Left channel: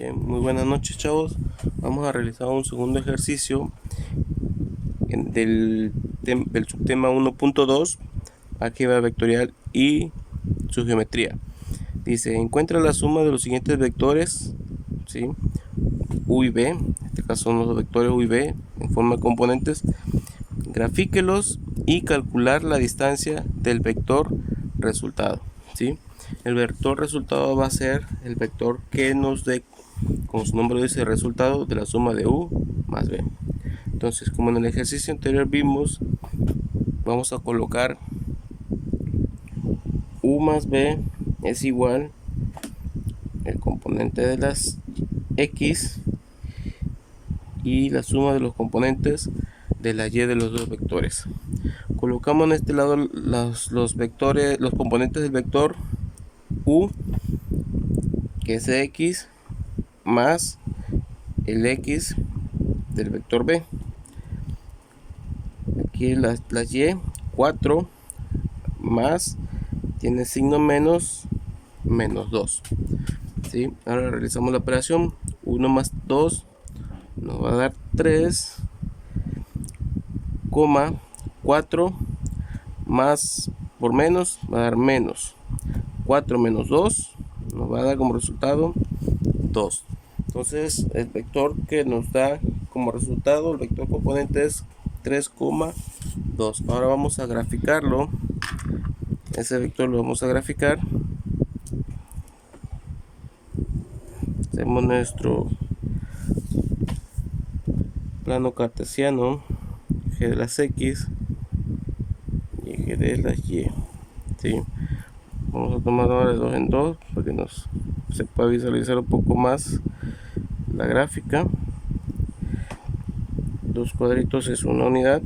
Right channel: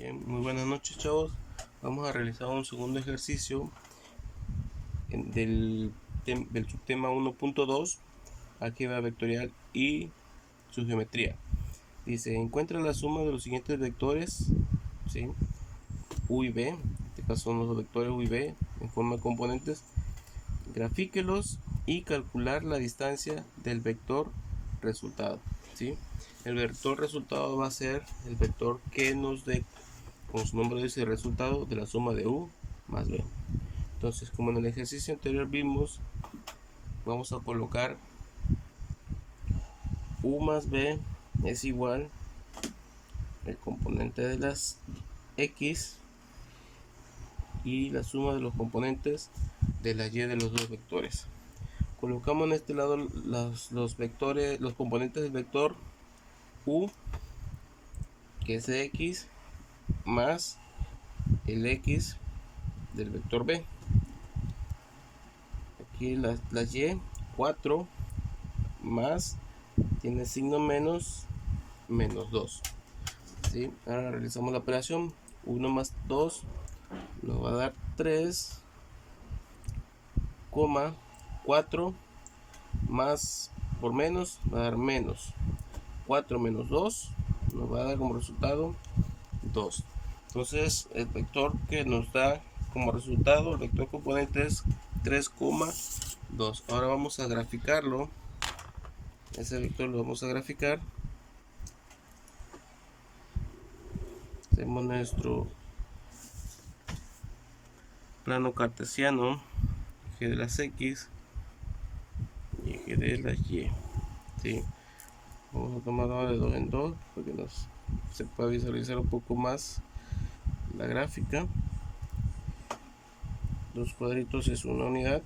Bien, muy buenas noches, chavos. Vamos a realizar un segundo ejercicio del subtema 1.2, álgebra vectorial y su geometría. Dice, encuentra la suma de los siguientes vectores, ¿sí? U y B, en este caso son los vectores U y B en forma de componentes. Grafíquelos y calcular la distancia del vector resultado, ¿sí? El vector resultado va a ser el vector que nos dé, como su nombre dice, el resultado de la suma de U más B. Entonces, como en el ejercicio anterior vimos, vamos a colocar U más B es igual el componente de las X y la suma de los componentes de la Y de los dos vectores. Colocamos en este lado los vectores, los componentes del vector U, que es X, más el X del vector B. Aquí las Y, 4 más, tiene signo menos, menos 2. ¿Sí? Ahora realizamos la operación. 1 más 2 nos va a dar 3, 4 más por menos va a dar menos. 4 menos 2 nos va a dar como resultado 2. Entonces el vector que nos da como resultado, el vector componente es 3,2. Ahora vamos a graficarlo. Ese vector lo vamos a graficar. Hacemos nuestro plano cartesiano, eje de las X y eje de las Y. ¿Sí? Vamos a tomar ahora de 2 en 2 para que se pueda visualizar un poco más la gráfica. 2 cuadritos es una unidad.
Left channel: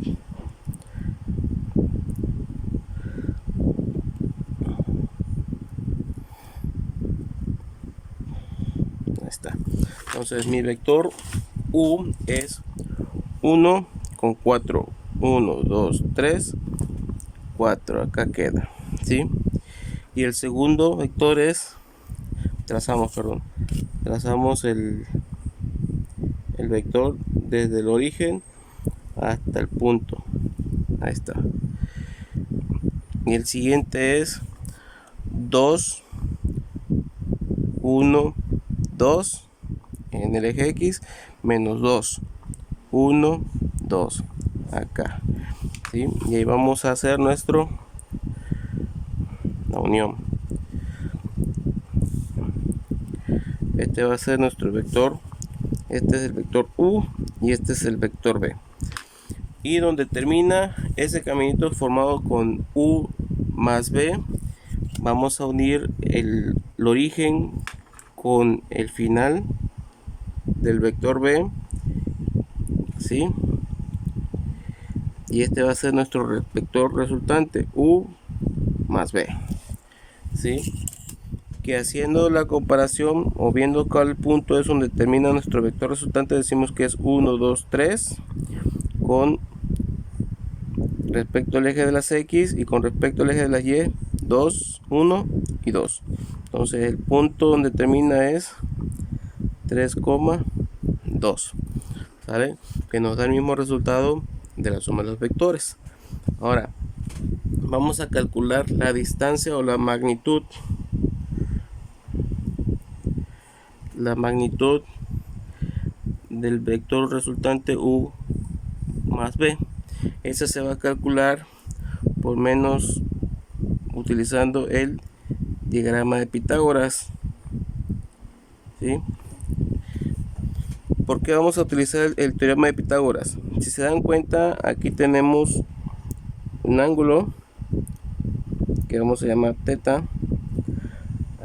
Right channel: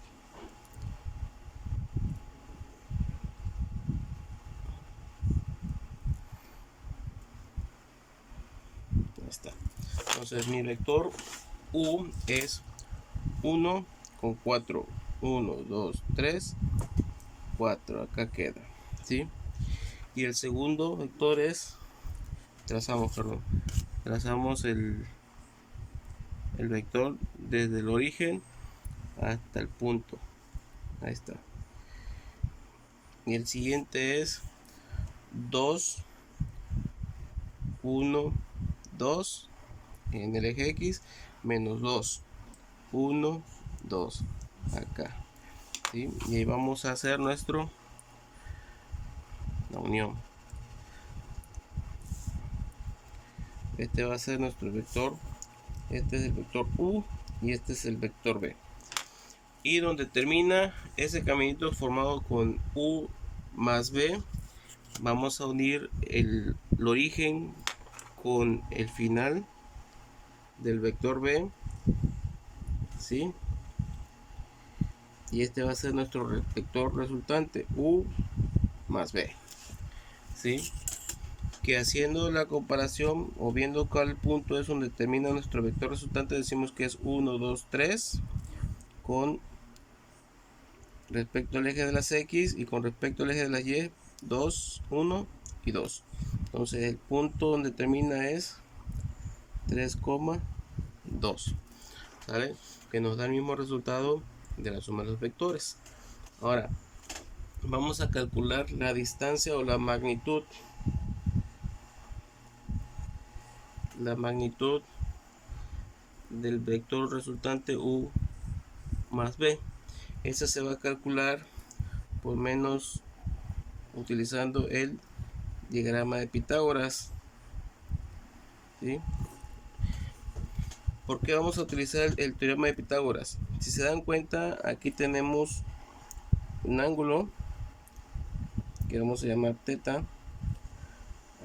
Ahí está. Entonces mi vector U es 1 con 4. 1, 2, 3, 4. Acá queda. ¿Sí? Y el segundo vector es, trazamos el vector desde el origen hasta el punto. Ahí está. Y el siguiente es 2, 1, 2 en el eje X, menos 2, 1, 2 acá. ¿Sí? Y ahí vamos a hacer la unión. Este va a ser nuestro vector. Este es el vector U y este es el vector B. Y donde termina ese caminito formado con U más B, vamos a unir el origen con el final del vector B, ¿sí? Y este va a ser nuestro vector resultante, U más B, ¿sí? Que haciendo la comparación o viendo cuál punto es donde termina nuestro vector resultante, decimos que es 1, 2, 3 con respecto al eje de las X y con respecto al eje de las Y, 2, 1 y 2. Entonces el punto donde termina es 3,2, ¿sale? Que nos da el mismo resultado de la suma de los vectores. Ahora vamos a calcular la distancia o la magnitud del vector resultante U más B. Ese se va a calcular por menos utilizando el diagrama de Pitágoras. ¿Sí? ¿Por qué vamos a utilizar el teorema de Pitágoras? Si se dan cuenta, aquí tenemos un ángulo que vamos a llamar teta.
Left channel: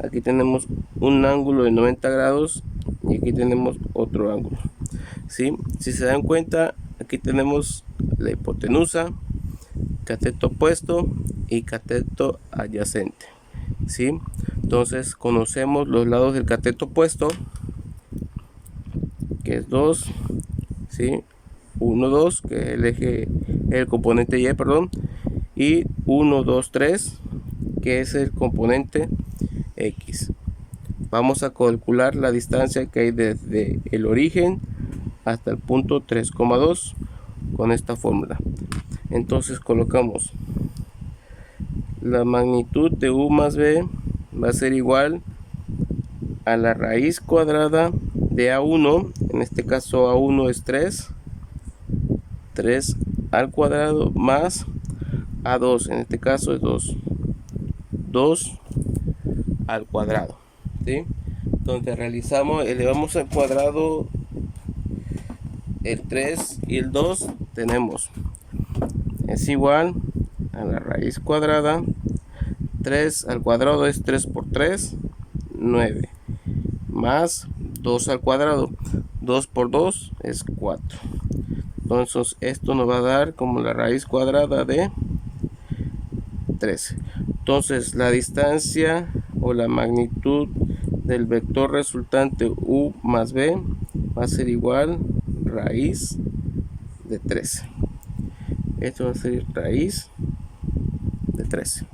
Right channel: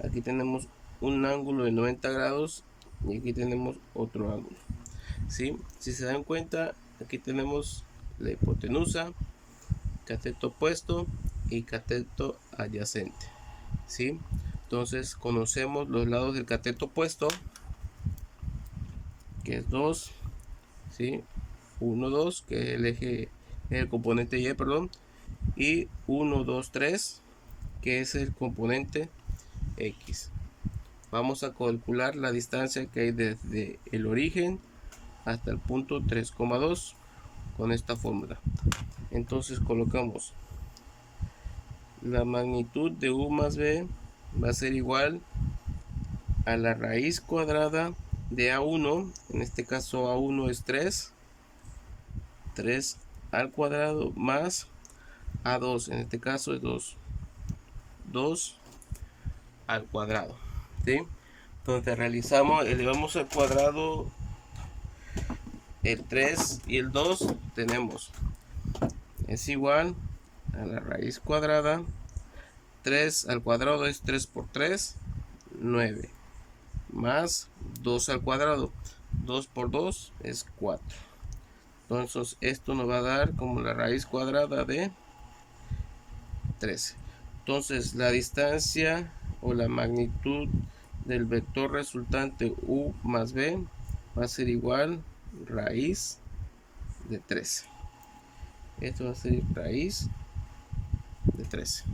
Aquí tenemos un ángulo de 90 grados y aquí tenemos otro ángulo. ¿Sí? Si se dan cuenta, aquí tenemos la hipotenusa, cateto opuesto y cateto adyacente. ¿Sí? Entonces conocemos los lados del cateto opuesto, que es 2, ¿sí? 1, 2, que es el eje, el componente Y, perdón, y 1, 2, 3, que es el componente X. vamos a calcular la distancia que hay desde el origen hasta el punto 3,2 con esta fórmula. Entonces colocamos la magnitud de u más b va a ser igual a la raíz cuadrada de a1, en este caso a1 es 3 al cuadrado, más a2, en este caso es 2 al cuadrado, ¿sí? Entonces elevamos al cuadrado el 3 y el 2, tenemos es igual a la raíz cuadrada, 3 al cuadrado es 3 por 3, 9, más 2 al cuadrado, 2 por 2 es 4. Entonces esto nos va a dar como la raíz cuadrada de 13. Entonces la distancia o la magnitud del vector resultante u más b va a ser igual raíz de 13. Esto va a ser raíz de 13.